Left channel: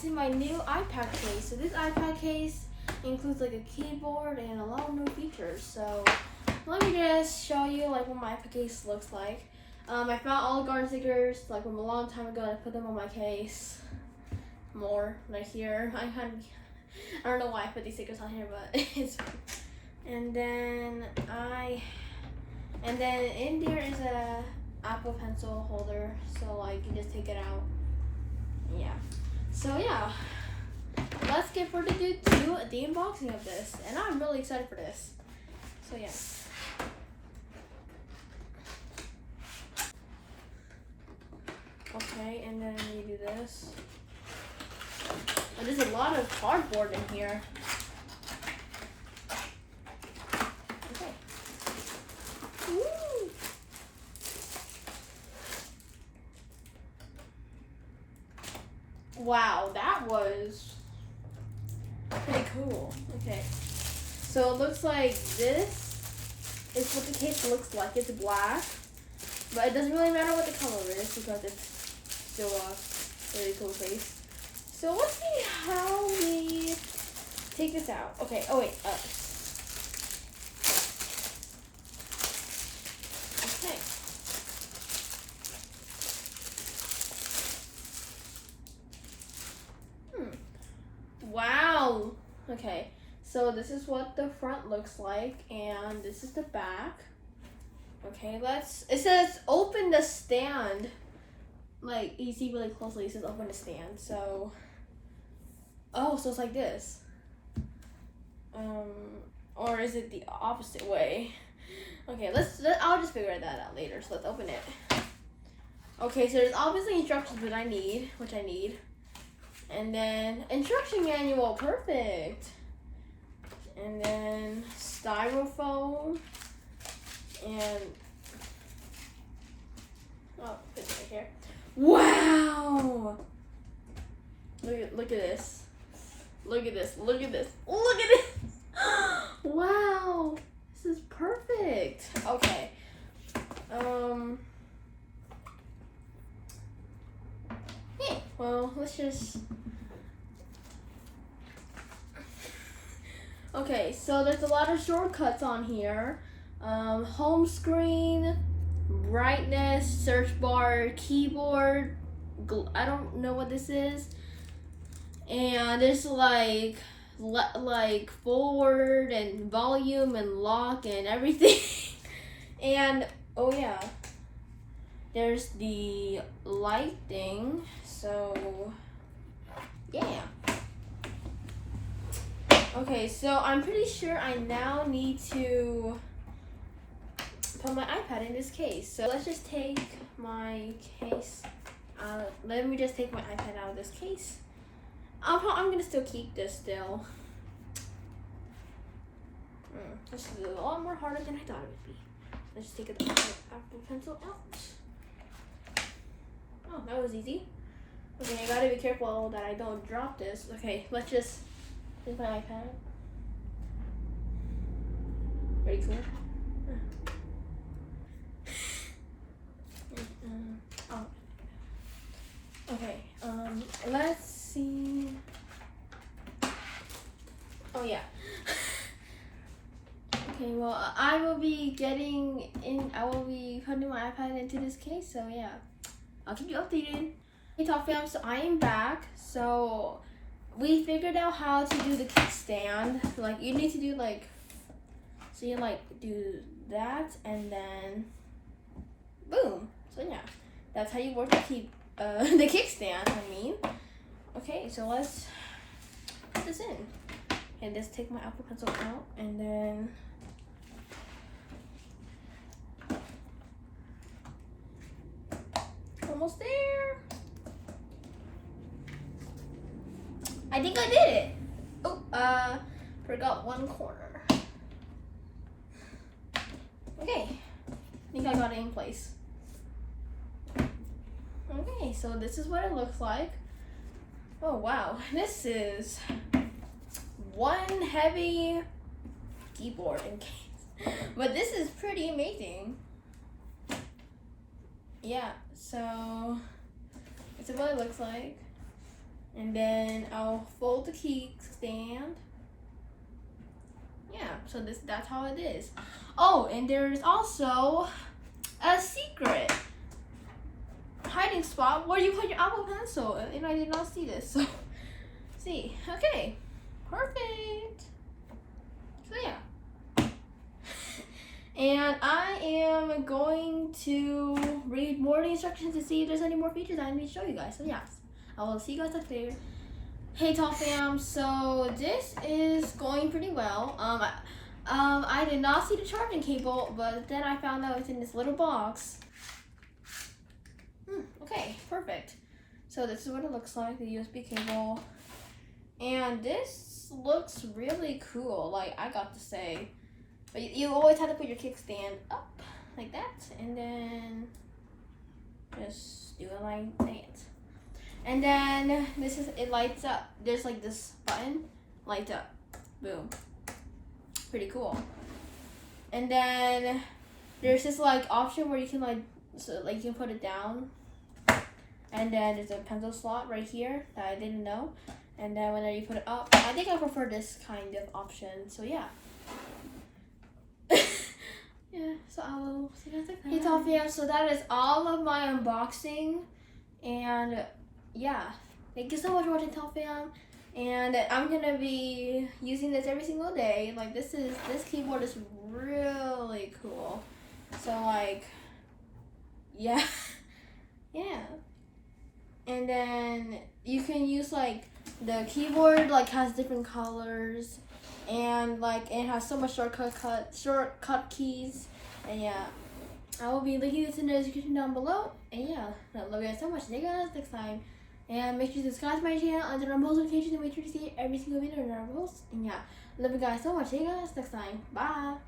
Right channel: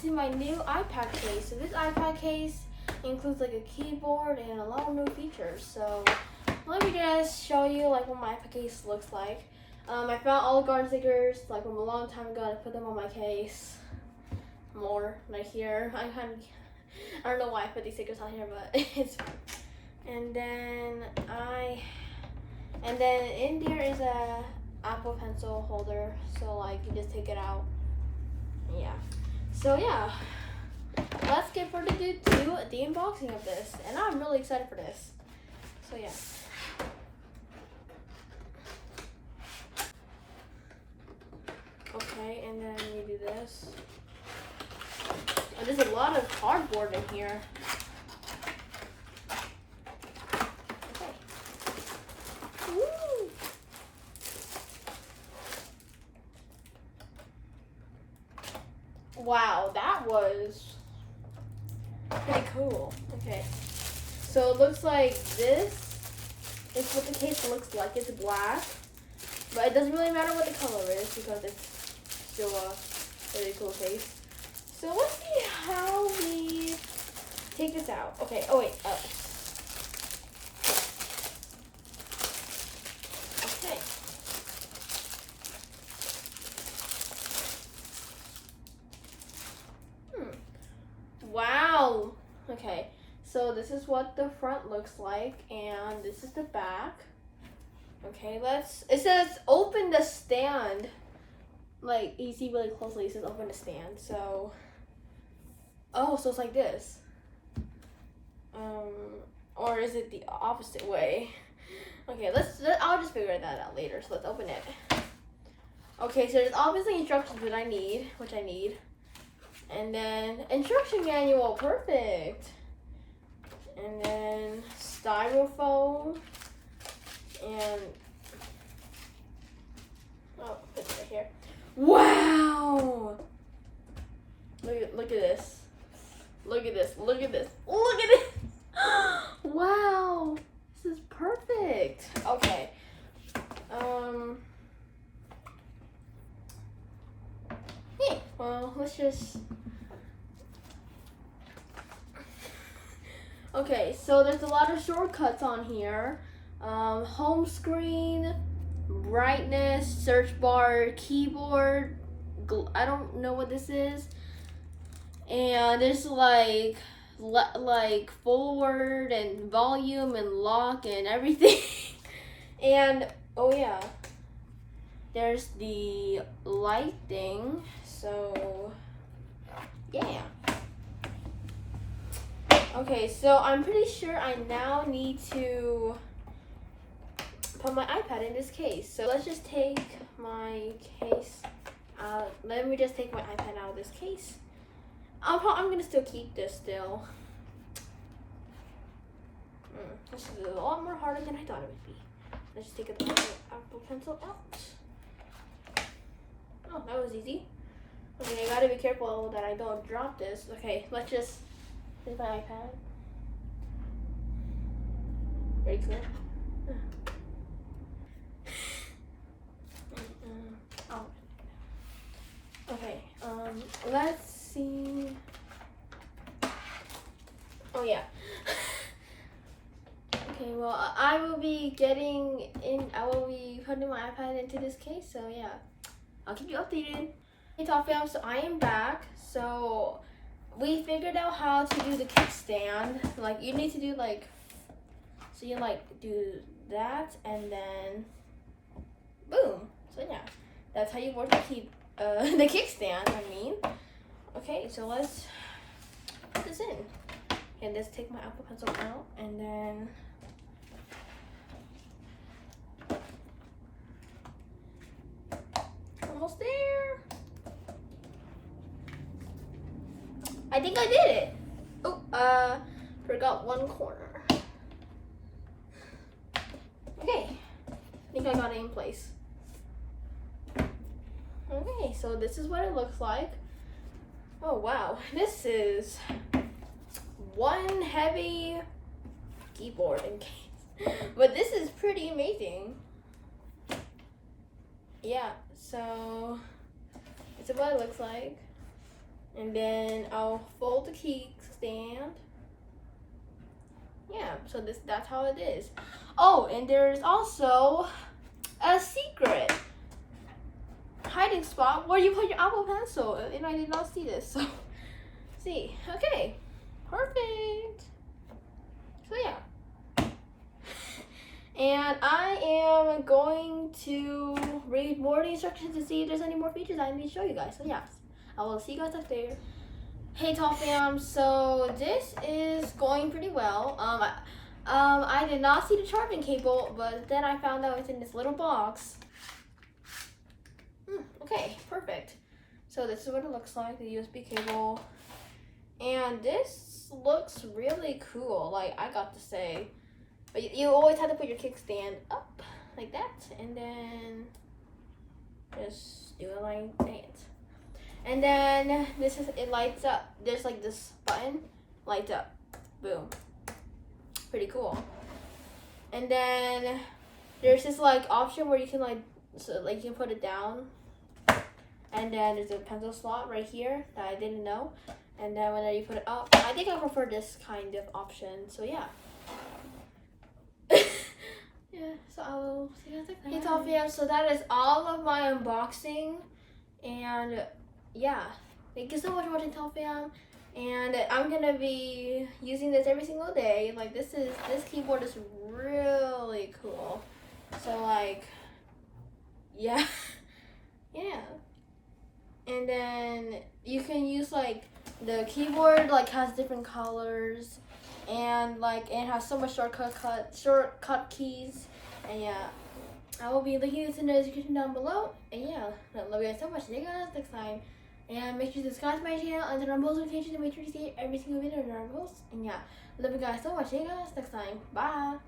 unboxing my new iPad case. So this iPad case includes like a keyboard and a lot of new features. So let me just show you like what my iPad case looks like. I found all the garden stickers like from a long time ago. I put them on my case. More like here. I don't know why I put these stickers on here, but it's. And then in there is a Apple Pencil holder, so like you just take it out. Yeah. So yeah, let's get further to the unboxing of this, and I'm really excited for this. So yeah. Okay, and then you do this. Oh, there's a lot of cardboard in here. Okay. Woo! Wow, that was pretty cool. Okay, so it looks like this is what the case looks like. It's black, but it doesn't really matter what the color is because it's still a very cool case. So let's see how we take this out. Okay, oh wait. Okay. Wow. Okay, so this is what the front looks like, and this is the back. Okay, it says open the stand. Like, you see really closely, it says open the stand, so. Oh, so it's like this. Or is it the opposite way? Okay, I'll just figure that out later, so let's open it. Okay, so there's obviously instructions which I need. And then instruction manual, perfect. And then styrofoam. And, oh, put it right here. Wow! Look at this. Look at this. Look at this. Look at this. Wow. This is perfect. Okay. Hey, well, let's just. Okay, so there's a lot of shortcuts on here. Home screen, brightness, search bar, keyboard. I don't know what this is. And there's like forward and volume and lock and everything. And oh yeah, there's the light thing. So yeah. Okay, so I'm pretty sure I now need to put my iPad in this case. So let's just take my case out. Let me just take my iPad out of this case. I'm gonna still keep this still. This is a lot more harder than I thought it would be. Let's just take the Apple Pencil out. Oh, that was easy. Okay, I gotta be careful that I don't drop this. Okay, let's just. Here's my iPad. Very cool. Oh. Okay. Let's see. Oh yeah. Okay. Well, I will be putting my iPad into this case. So yeah, I'll keep you updated. Hey, Top Fam. So I am back. So we figured out how to do the kickstand. Like you need to do like. So you like do that and then boom. So yeah, that's how you work the kickstand. I mean, okay. So let's put this in and just take my Apple Pencil out and then almost there. I think I did it. Oh, forgot one corner. Okay, I think I got it in place. Okay, so this is what it looks like. Oh wow, this is one heavy keyboard in case. But this is pretty amazing. Yeah, so this is what it looks like. And then I'll fold the kickstand. Yeah, so that's how it is. Oh, and there's also a secret hiding spot where you put your Apple Pencil, and I did not see this. So, see, okay, perfect. So yeah, and I am going to read more of the instructions to see if there's any more features I need to show you guys. So yes, I will see you guys up there. Hey Tall Fam, so this is going pretty well. I did not see the charging cable, but then I found out it's in this little box. Okay, perfect. So this is what it looks like, the USB cable. And this looks really cool, like I got to say. But you always have to put your kickstand up like that, and then just do it like that. And then it lights up. There's like this button, lights up, boom. Pretty cool. And then there's this like option where you can you can put it down. And then there's a pencil slot right here that I didn't know. And then whenever you put it up, I think I prefer this kind of option. So yeah. Yeah, so I will see you guys next time. Hey Tall Fam, so that is all of my unboxing. And yeah, thank you so much for watching Tall Fam. And I'm gonna be using this every single day. Like this keyboard is really cool. So like, yeah, yeah. And then you can use like the keyboard has different colors, and like it has so much shortcut keys. And yeah, I will be linking this in the description down below. And yeah, I love you guys so much. See you guys next time. And make sure to subscribe to my channel and turn on post notifications to make sure to see every single video that I post. And yeah, love you guys so much. See you guys next time. Bye.